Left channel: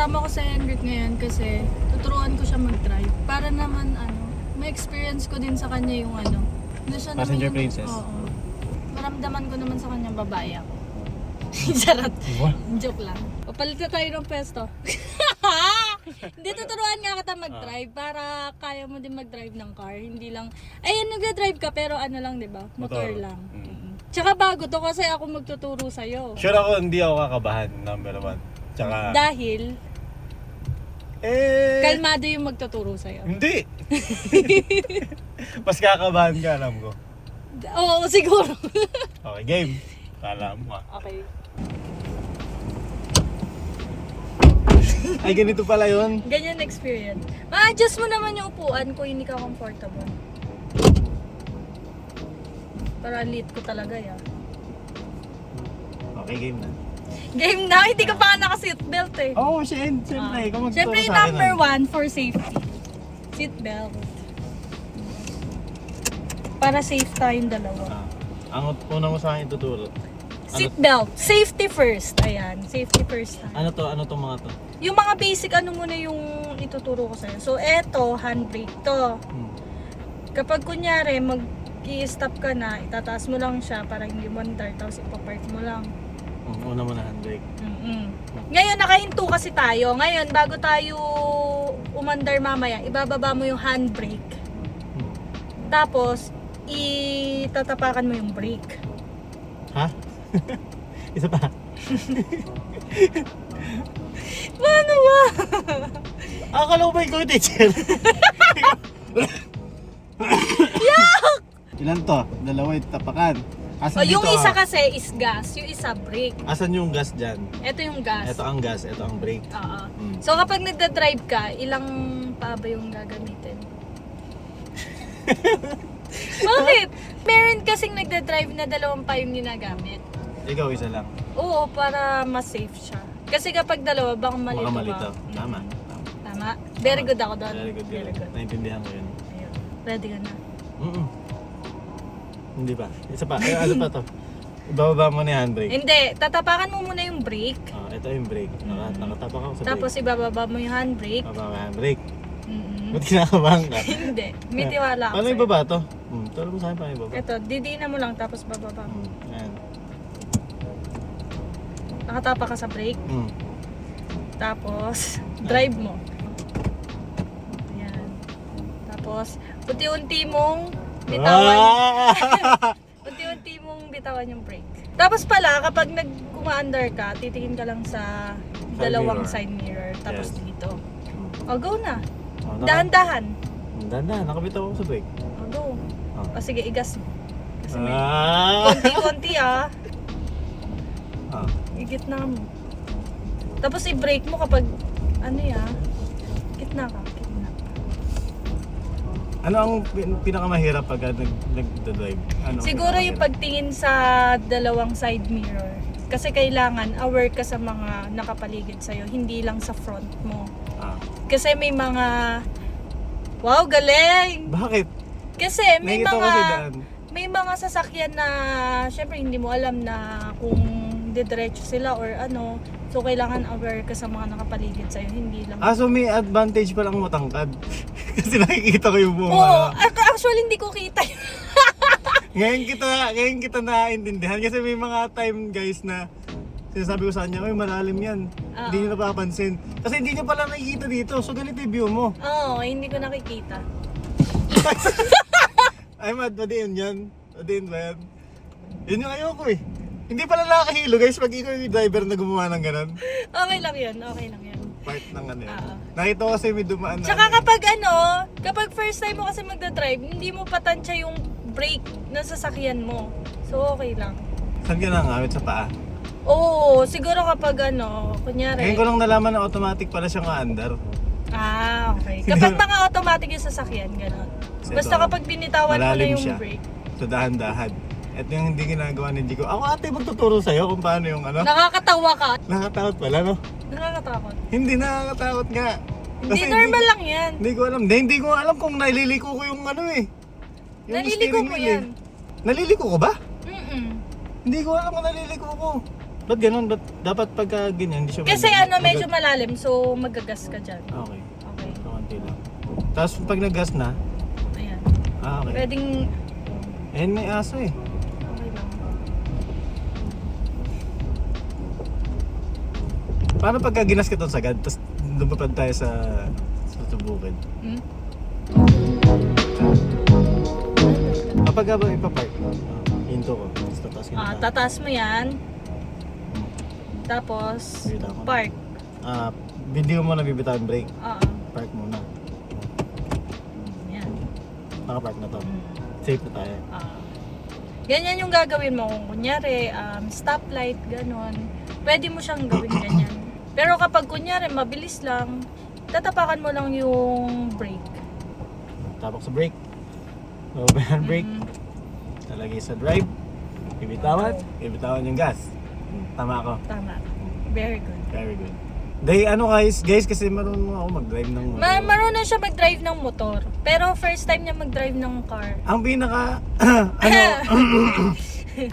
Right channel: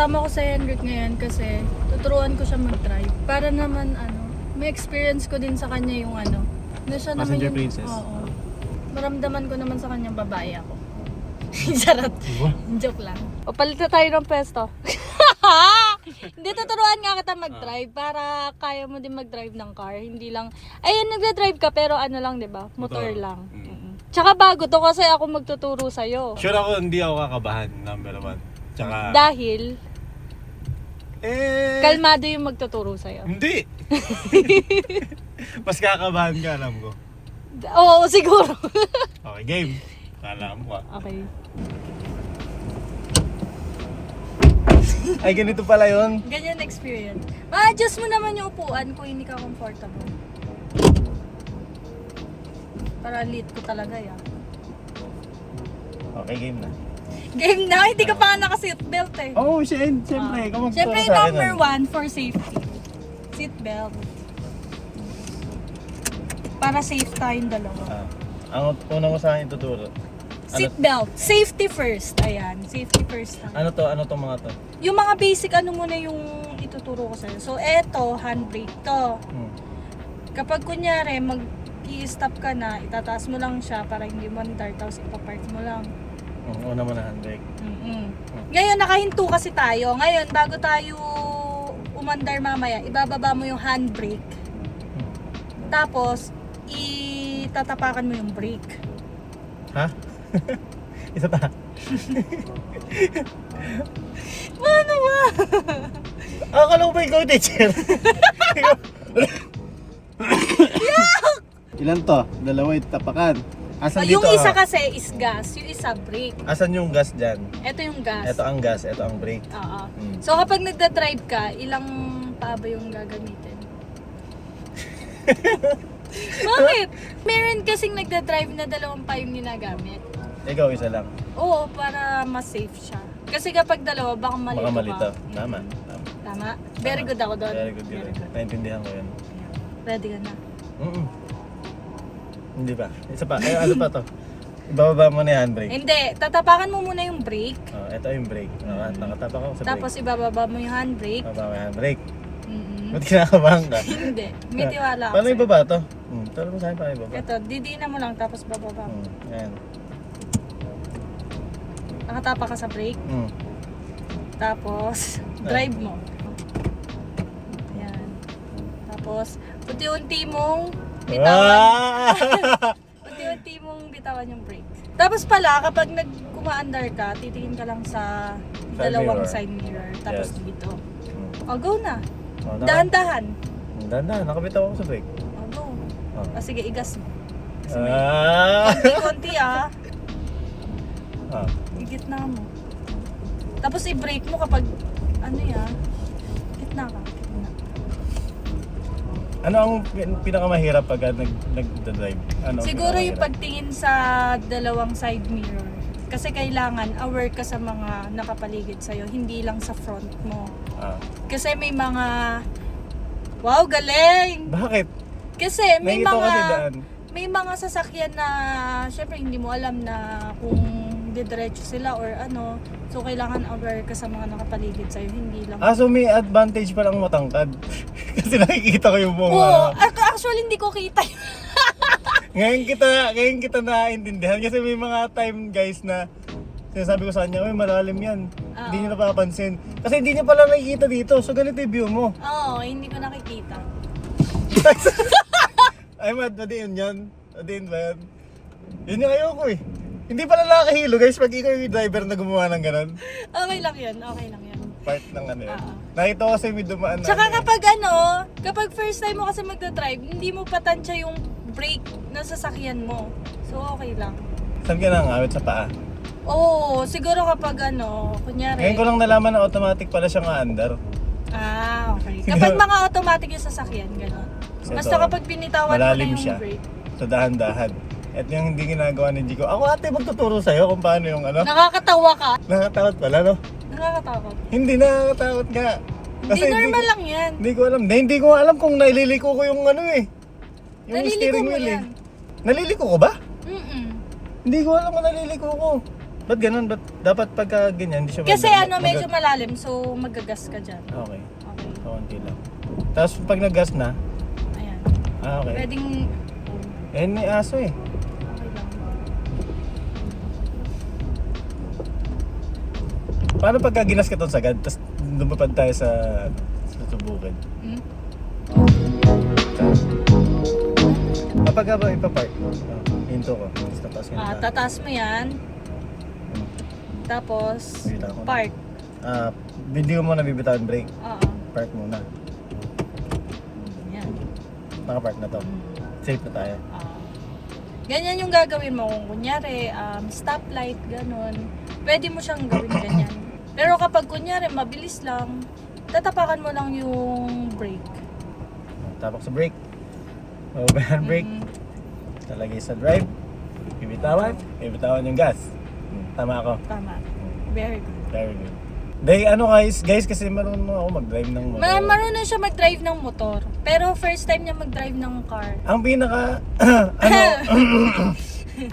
Kasama ko sa Henrik ngayon kasi tuturuan ko siya mag-drive. Para naman may experience ko din sa kanya yung na siya naman Passenger yung, princess. Oo. Maramdaman ko naman sa kanyang babae ako. Charot. Joke lang. O palit na tayo ng pwesto. Hindi, tuturuan nga kita mag-drive para kaya mo din mag-drive ng car. Hindi lang, ayun, nagda-drive ka pero lang, di ba? Motor lang. Tsaka bago to kasi ako magtuturo sa'yo. Sure ako hindi ako kakabahan, number 1. Tsaka... Dahil, kalmado yung magtuturo sa'yo. Hindi! Mas kakabahan ka, alam ko. Oo, siguro. Okay, game. Kala mo Okay. Ay, ganito pala yun. Ganyan experience. Ma-adjust mo naman yung upuan kung hindi ka comfortable. Para lit ko talaga ya. Okay, game na. Game na, hindi ka pa naka-seatbelt eh. Oo, siyempre. Ikaw magtuturo Siyempre, sa akin. number 1 for safety. Seatbelt. Para safe tayong dalawa. Ang una mo sa akin ituturo. Seatbelt. Safety first. Ayan, safety first. Ano to? Ano tong mga to? Yung mga basic, muna yung ituturo ko sa'yo. So, eto, handbrake to. Kapag kunyari, mag-i-stop ka na, itataas mo lang siya para hindi mandar, tapos ipapark mo lang. Una mo na handbrake. Ngayon, nakahinto kasi tayo. Ngayon, bago tayo umandar mamaya, ibababa mo yung handbrake. Tapos, itatapakan mo yung brake. Ha? Isa pa. Paano ba? Akala ko ba ikaw yung teacher? Ilan to? Dalawa yung tapakan. Asan Yung dito? isa kasi is gas, yung isa brake. Asan yung gas dyan? Ito yung gas. Ito ang gas, ito ang brake. Oo. So kapag nagda-drive ka, ilang paa ba yung gagamitin? Bakit? Meron kasing nagda-drive na dalawang pa yung ginagamit. Ikaw isa lang. Oo, para mas safe siya. Kasi kapag dalawa, baka malito Baka malito. ka. Tama. Tama? Very good ako doon. Very good yun. Naintindihan ko yun. Ayun. Ready ka na? Hindi ba? Isa pa. Ay, ano pa to? Ibababa mo na yung handbrake. Hindi, tatapakan mo muna yung brake. Ito yung brake. Nakatapak ako sa brake. Tapos ibababa mo yung handbrake. Ibababa mo yung handbrake. Mm-mm. Ba't kinakabahan ka? Hindi, may tiwala ako Paano sa'yo. ibaba to? Turo mo sa akin paano ibaba. Ito, didiin mo lang tapos bababa mo. Ayan. Nakatapa ka sa brake. Tapos, drive mo. Ayan. Tapos, unti-unti mong bitawan. Unti-unti mong bitawan yung brake. Tapos pala, kapag nag-umaandar ka, titingin ka lang sa dalawang mirror. side mirror. Tapos Yes. dito. O, go na. Oh, Dahan-dahan. Dahan-dahan. Nakabitaw ako sa brake. O, go. Oh. O, sige, igas mo. Kasi may Ah! konti-konti Ah. Igitna mo. Tapos i-brake mo kapag gitna ka. Gitna. Ano ang pinakamahirap pag nag-drive? Ano ang Siguro yung pinakamahirap? pagtingin sa dalawang side mirror. Kasi kailangan aware ka sa mga nakapaligid sa'yo, hindi lang sa front mo. Kasi may mga... Wow, galing! Bakit? Kasi may Nakikita ko kasi mga... daan. May mga sasakyan na syempre hindi mo alam na kung didiretso sila or ano. So kailangan aware ka sa mga nakapaligid sa'yo, hindi lang. So may advantage pa lang matangkad. Kasi nakikita ko yung buong Oo, actually hindi ko kita yun. ngayon kita naiintindihan kasi may mga time guys na sinasabi ko sa kanya, malalim yan. Hindi niyo napapansin. Kasi hindi niya pala nakikita dito. So ganito yung view mo. Oo, hindi ko nakikita. Ay, madiin yan. Madiin ba yan? Yun yung ayoko eh. Hindi pala nakakahilo guys pag ikaw yung driver na gumawa ng ganun. Okay lang yun, okay lang yun. Part ng ano yun. Nakita ko kasi may dumaan na. Tsaka kapag first time mo kasi magdadrive, hindi mo patansya yung brake ng sasakyan mo. So okay lang. Saan ka nangawit sa paa? Oo, siguro kapag kunyari. Ngayon ko lang nalaman na automatic pala siyang aandar. Okay. Kapag mga automatic yung sasakyan, gano'n. Basta kapag binitawan mo na malalim yung siya. brake. So dahan-dahan. At yung hindi ginagawa ni Jico. Ako ate magtuturo sa'yo kung paano yung Nakakatawa ka. Nakakatakot pala no? Nakakatakot. Hindi nakakatakot nga. Hindi normal lang yan. Hindi ko alam. Hindi ko alam kung naliliko ko yung yung Naliliko steering mo wheel yan. Naliliko ko ba? Mm-mm. Hindi ko alam kung naliliko ko. Ba't ganun? Ba't dapat pagka ganyan, hindi siya Kasi mag- medyo malalim, so magagas ka dyan. Okay, Okay. kaunti lang. Tapos pag nag-gas na, Ayan. okay. Pwedeng... Eh, may aso eh. Okay lang. Paano pagka ginas ka itong sagad, tapos lumapad tayo sa bukid? Hmm? Kapag ka ba ipapark? Hinto ko. Tapos tataas ka na. Tataas mo yan. Tapos, Bibitaw ko na. park. Hindi mo muna bibitawan brake. Oo. Park muna. Yan. Nakapark na to. Safe na tayo. Ganyan yung gagawin mo. Kung kunyari, stoplight, ganun. Pwede mo siyang gawin ganyan. Pero kapag kunyari, mabilis lang, tatapakan mo lang yung brake. Tapak sa brake. Open hand brake. Talagay sa drive. Bibitawan. Bibitawan yung gas. Tama ako. Tama. Very good. Very good. Guys, kasi marunong ako mag-drive ng motor. Marunong siya mag-drive ng motor. Pero first time niya mag-drive ng car. Ang pinaka,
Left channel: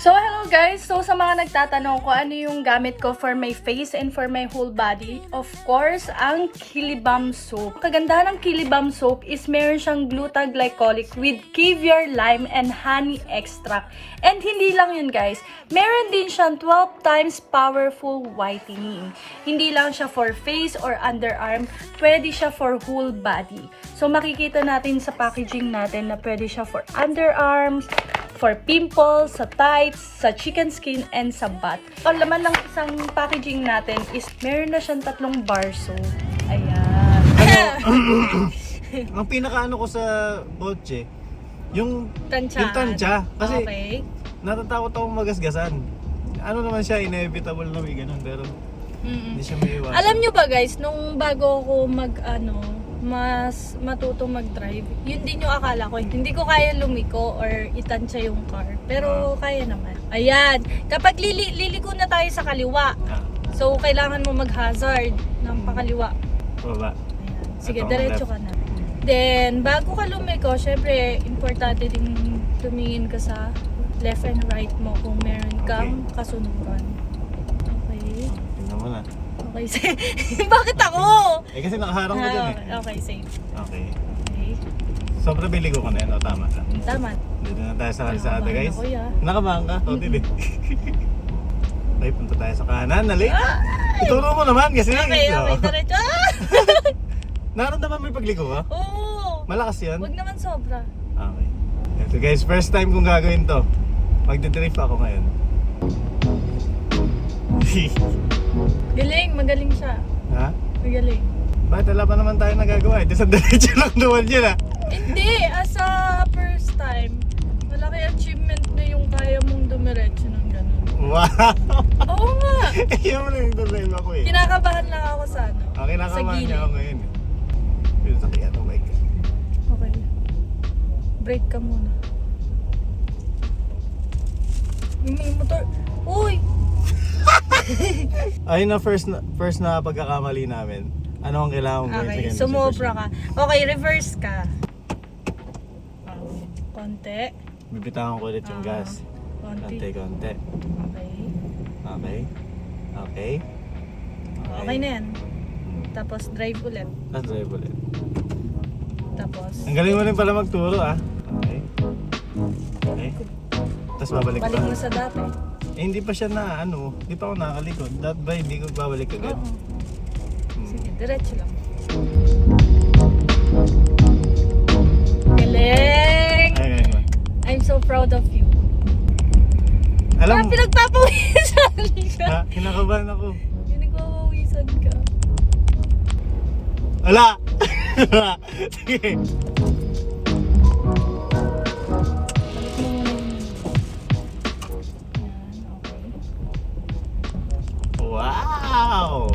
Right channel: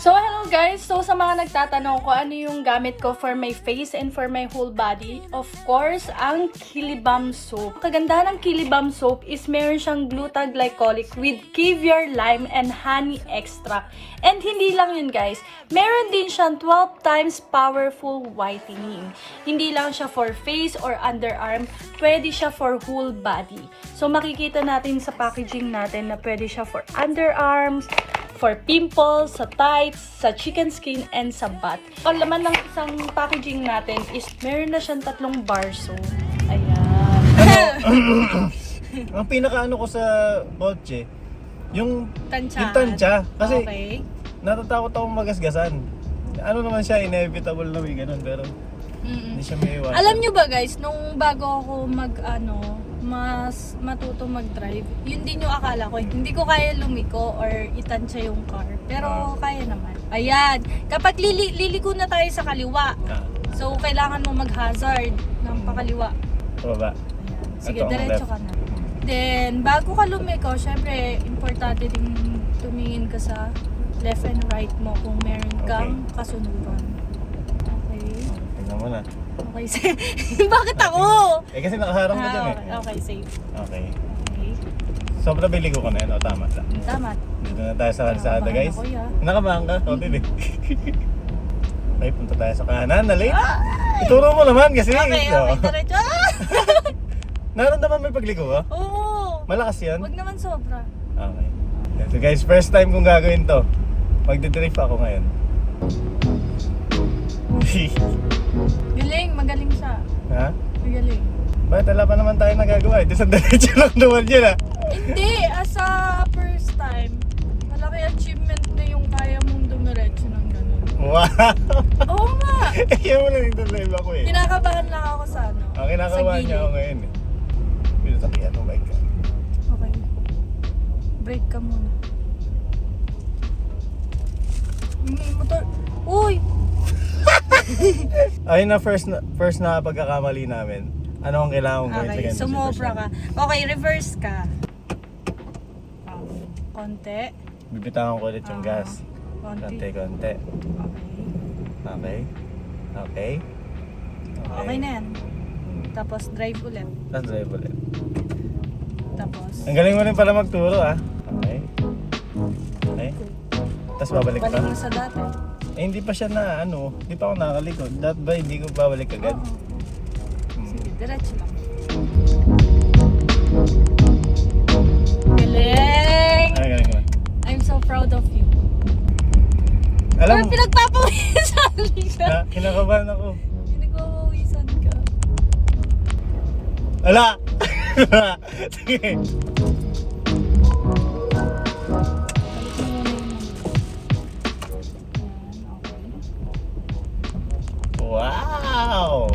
So hello guys, so sa mga nagtatanong kung ano yung gamit ko for my face and for my whole body, of course, ang Kilibam soap. Kagandahan ng Kilibam soap is meron siyang glutaglycolic with caviar, lime, and honey extract. And hindi lang yun guys, meron din siyang 12 times powerful whitening. Hindi lang siya for face or underarm, pwede siya for whole body. So makikita natin sa packaging natin na pwede siya for underarms, for pimples, sa tights, sa chicken skin, and sa butt. Ang laman ng isang packaging natin is meron na siyang 3 bar soap. Ayan. ang pinaka ko sa kotse, yung Tansya. yung tansya. Kasi Okay. natatakot akong magasgasan. Ano naman siya, inevitable na may ganun, pero hindi siya may iwasan. Alam nyo ba guys, nung bago ako mas matutong mag-drive, yun din yung akala ko. Hindi ko kaya lumiko or itansya yung car. Pero kaya naman. Ayan. Kapag liliko na tayo sa kaliwa, so kailangan mo mag-hazard ng pakaliwa. Baba. Ayan. Sige, Ito, ang diretso left. ka na. Then, bago ka lumiko, syempre, importante din tumingin ka sa left and right mo kung meron kang kasunugan. Okay. Tingnan mo na. Okay, bakit ako? Eh kasi nakaharang ka dyan eh. Okay, safe. Okay. Okay. Sobrang biligo ka na yun, o tama lang. Tama. Dito na tayo sa kalsada Nakabahan guys. ako, ya. Nakamahan ka? O, din eh. Okay, punta tayo sa kanan. Nalik. Ituro mo naman kasi. Okay, Oh. diretso. Naramdaman mo yung pagligo ka? Oo. Malakas yan? Wag naman sobra. Okay. Ito guys, first time kong gagawin to. Magdidrift ako ngayon. Galing, magaling siya. Ha? Magaling. Bakit wala pa naman tayo nagagawa? Ito sa diretso lang naman yun ah. Hindi, as a first time, malaki achievement na yung kaya mong dumiretso ng ganun. Wow! Oo nga. Ayaw mo na yung drive ako eh. Kinakabahan lang ako sa ano. Kinakabahan sa niya ako gilid. ngayon eh. Yung sakyan, oh my God. Okay. Break ka muna. May motor. Uy! Ayun na first na pagkakamali namin. Ano ang kailangan kong gawin? Okay, Second sumobra position. ka. Okay, reverse ka. Konti. Bibitawan ko ulit yung gas. Konti. Konti. Okay. Okay. Okay. Okay na yan. Tapos drive ulit. Tapos drive ulit. Tapos Ang galing mo rin pala magturo ah. Okay. Okay. Tapos babalik balik pa. mo sa dati. Eh hindi pa siya na hindi pa ako nakakalikod. That ba hindi ko babalik agad? Oo. Sige, diretso lang. Galing! Ay, galing mo. I'm so proud of you. Alam Parang mo, pinagpapawisan siya. kinakabahan ako. Pinagpapawisan ka. Ala! Sige. Wow!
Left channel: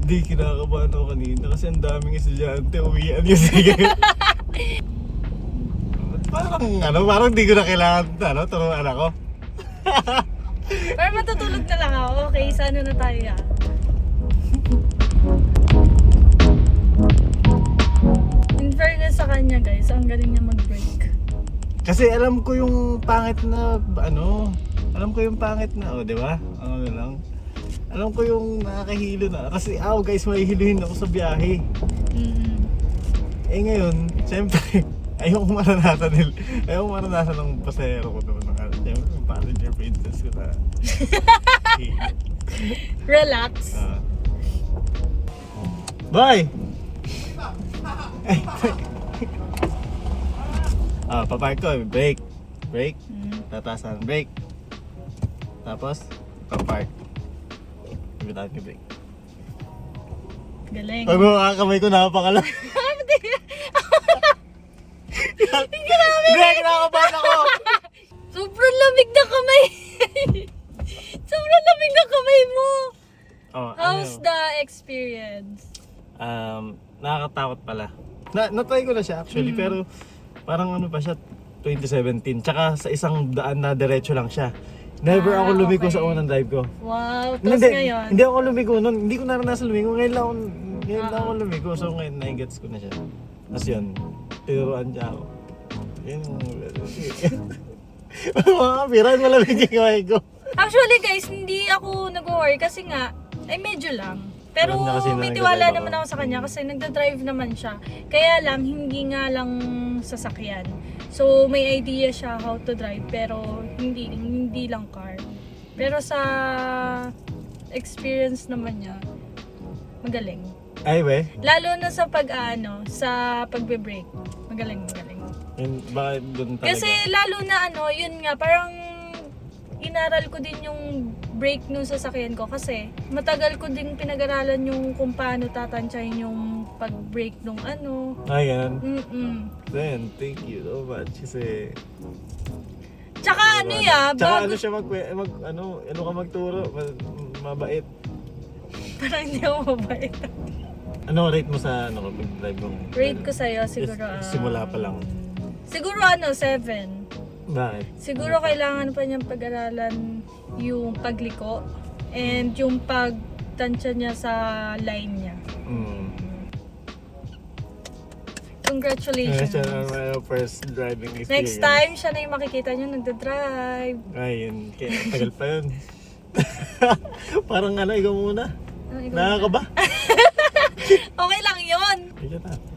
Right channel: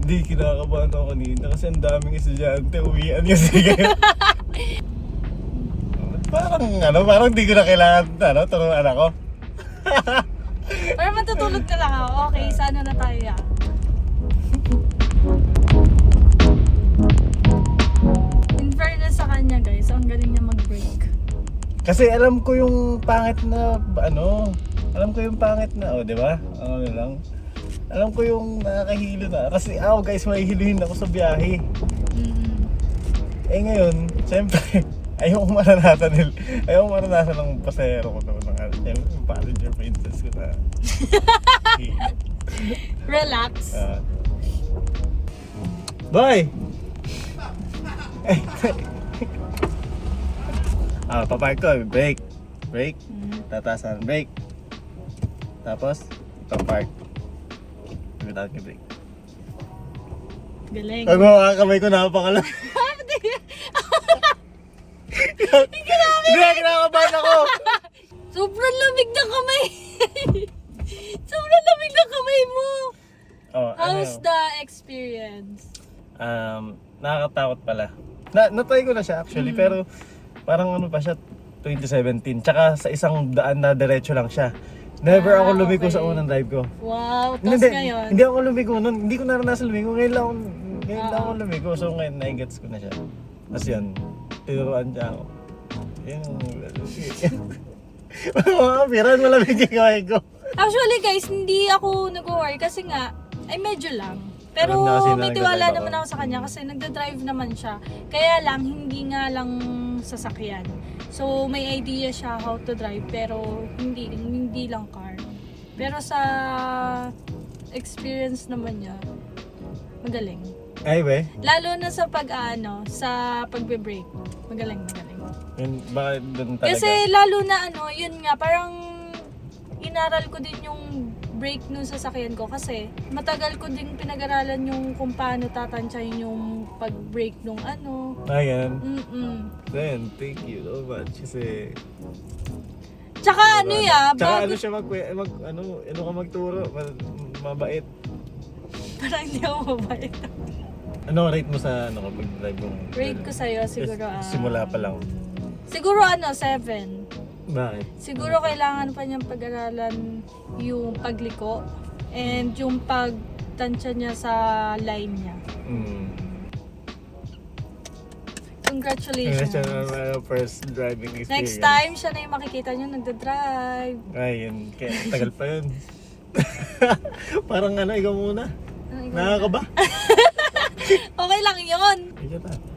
Hindi, kinakabahan ako kanina kasi ang daming estudyante uwian kasi. Parang di ko na kailangan, turuan ako. Pero matutulog na lang ako. Okay, sana na tayo yan. In fairness sa kanya guys, ang galing niya mag-break. Kasi alam ko yung pangit na di ba? Ano lang. Alam ko yung nakakahilo na. Kasi guys, mahihiluhin ako sa biyahe. Eh ngayon, siyempre, ayokong maranasan ng pasahero ko naman. Siyempre, yung passenger princess ko na. Relax. Bye! Papark ko, brake. Tatasan, brake. Tapos, papark. Pagkatapos yung brake. Galing. Pag mga kamay ko, napakalam. Hindi, kinakabahan ako. Sobrang lamig na kamay. Sobrang lamig na kamay mo. How's the experience? Nakakatakot pala. Na-try ko na siya actually, pero parang ano pa siya, 2017. Tsaka sa isang daan na diretso lang siya. Never ako lumigo okay. sa unang drive ko. Wow, tapos ngayon? Hindi ako lumigo nun. Hindi ko naranasan lumigo. Ngayon lang ako lumigo. So ngayon, na-gets ko na siya. Tapos yun, tinuruan siya ako. Yun. Mga piran, malamig yung kamay ko. Actually guys, hindi ako nag-worry kasi nga, ay medyo lang. Pero Kasi may tiwala naman ako sa kanya kasi nagda-drive naman siya. Kaya lang, hindi nga lang sasakyan. So may idea siya how to drive pero hindi lang car. Pero sa experience naman niya, magaling. Ay, we? Lalo na sa sa pagbe-brake. Magaling. Yun, bakit doon talaga? Kasi lalo na yun nga, parang inaral ko din yung brake nung sasakyan ko kasi matagal ko din pinag-aralan yung kung paano tatansyahin yung pag-brake nung Ayan. Then, thank you so much. Kasi... Tsaka Tsaka bago, siya ka magturo, mabait. parang hindi ako mabait. Ano rate mo sa kapag drive mo? Rate ko sa'yo siguro, Simula pa lang. siguro 7. Bakit? Siguro kailangan pa niyang pag-aralan yung pagliko and yung pagtansya niya sa line niya. Congratulations. First driving experience. Next time, siya na yung makikita niyo nagda-drive. Ayun, kaya tagal pa yun. Parang ikaw muna. Ano, ikaw? Nakakaba? Okay lang yun. Ikaw na.